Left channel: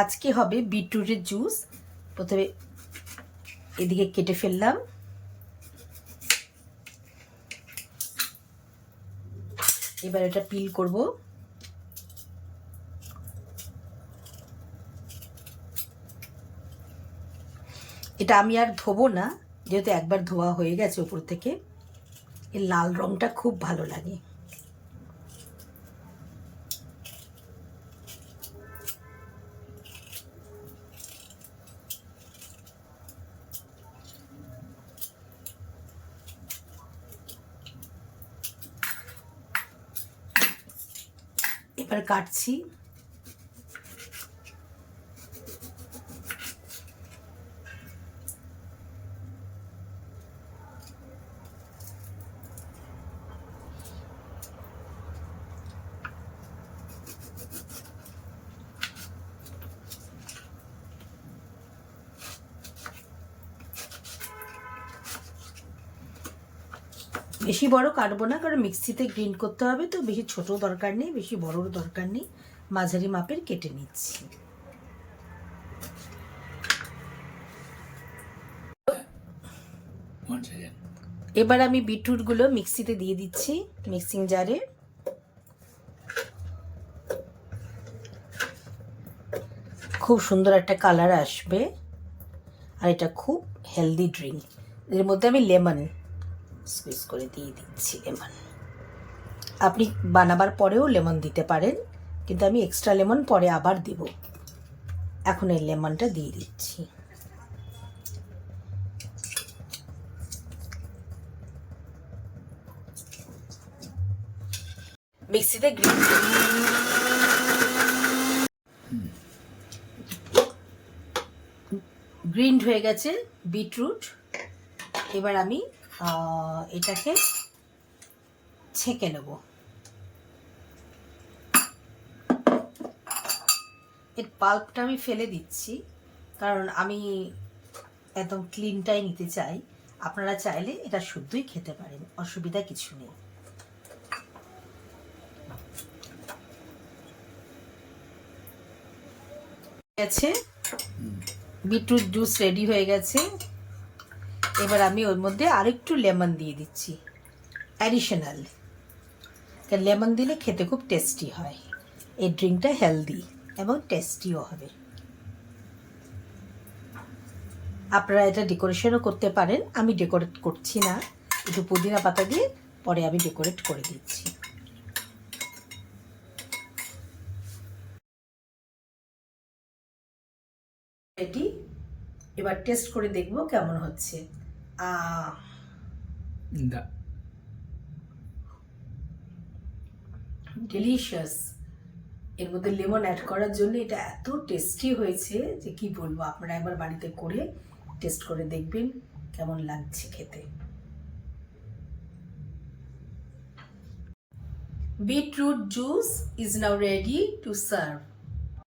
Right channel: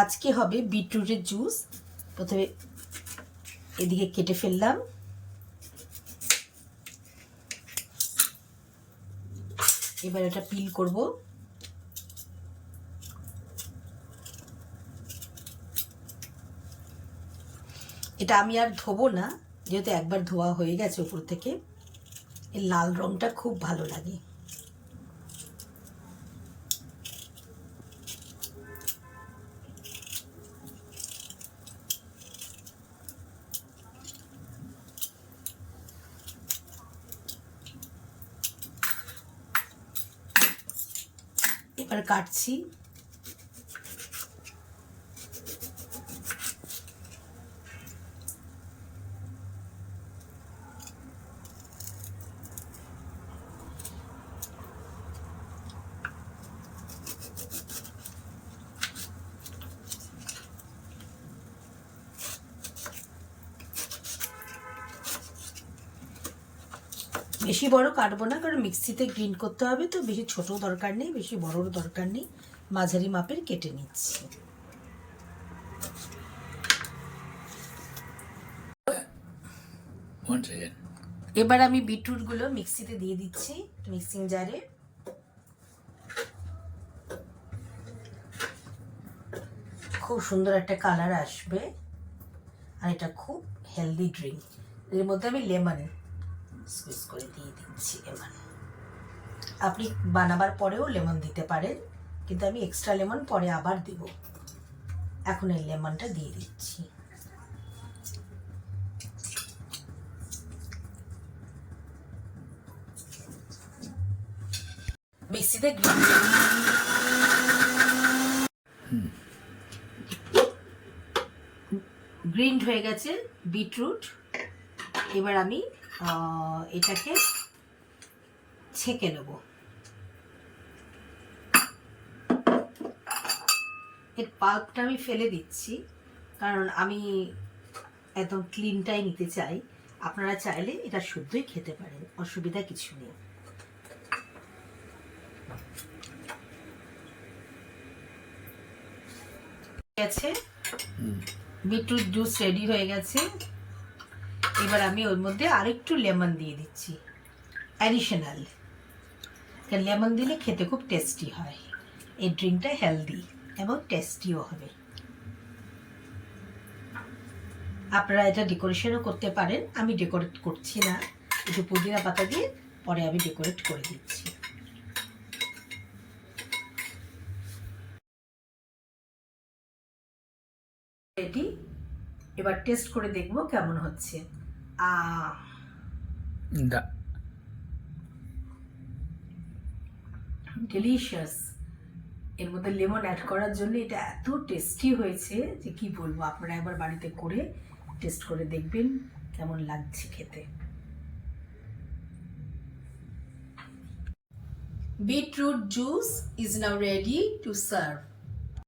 আজকে হবে বিটরুটের জুস। প্রথমে এদিকে কেটে ফেললাম, এবার এটা পিল করব। এটা আমি আর ধোবো না, যেহেতু একবার ধোয়া হয়ে গেছে উপর থেকে। এর লাল রংটা খুব ভালো লাগে। এবার কাটছি। বেশি বড় কাটবো না, কারণ মিক্সিতে গ্রিন্ড করতে হবে, তো বেশি ছোট দরকার নেই, বেশি বড়র দরকার নেই। মাঝারি মাপের কেটে নিচ্ছি। এবার আমি বিটরুটগুলো মিক্সিতে দিয়ে দিচ্ছি, মিক্সিং জারে। খুব সুন্দর একটা কালার আসবে, আর এটা খুব হেলদি ড্রিঙ্ক। এর মধ্যে আমি লেমন স্কুইজ করে দিয়ে দিচ্ছি। লেমন আপনি বানাবার পরেও লেমন দিতে পারেন, কিন্তু আমি এক্সট্রা লেমন পরে আবার দিব। এখন এই লেমনটা দিয়ে দিচ্ছি। মিক্সিতে গ্রিন্ড হয়ে গেছে বিটরুট। এবার আমি এটাকে ছেঁকে নেব। এর পাল্পটা আমি ফেলে দিচ্ছি, কারণ আমি একদম ক্লিনটাই নিতে চাই। আপনারা চাইলে এটা শুদ্ধই খেতে পারেন, অসুবিধা কিছু নেই। গেছে, বিটরুট জুস রেডি হয়ে গেছে। এবার আমি ওর মধ্যে আরেকটু লেমন দিয়ে দিচ্ছি, অ্যাডিশনাল। লেমন দিলে খেতে খুব টেস্টি হয়। এই ড্রিঙ্কটা হেলদি এবং টেস্টিও হবে। আপনারা এটা ডেকোরেশনও করতে পারেন, আমি ডেকোরেট করছি না, একটু পুদিনা পাতা দিয়ে পরে আমি ডেকোরেট করে দিচ্ছি। এটি এবার টেস্ট করে দেখব কেমন হচ্ছে। ডেলিশিয়াস। এর মধ্যে লেমন অ্যাড করার জন্য এটা এত টেস্টি হয়েছে যে কি বলবো। আপনারা একবার বাড়িতে করে টেস্ট করে দেখবেন কেমন লাগছে খেতে। Beetroot juice is now ready to serve.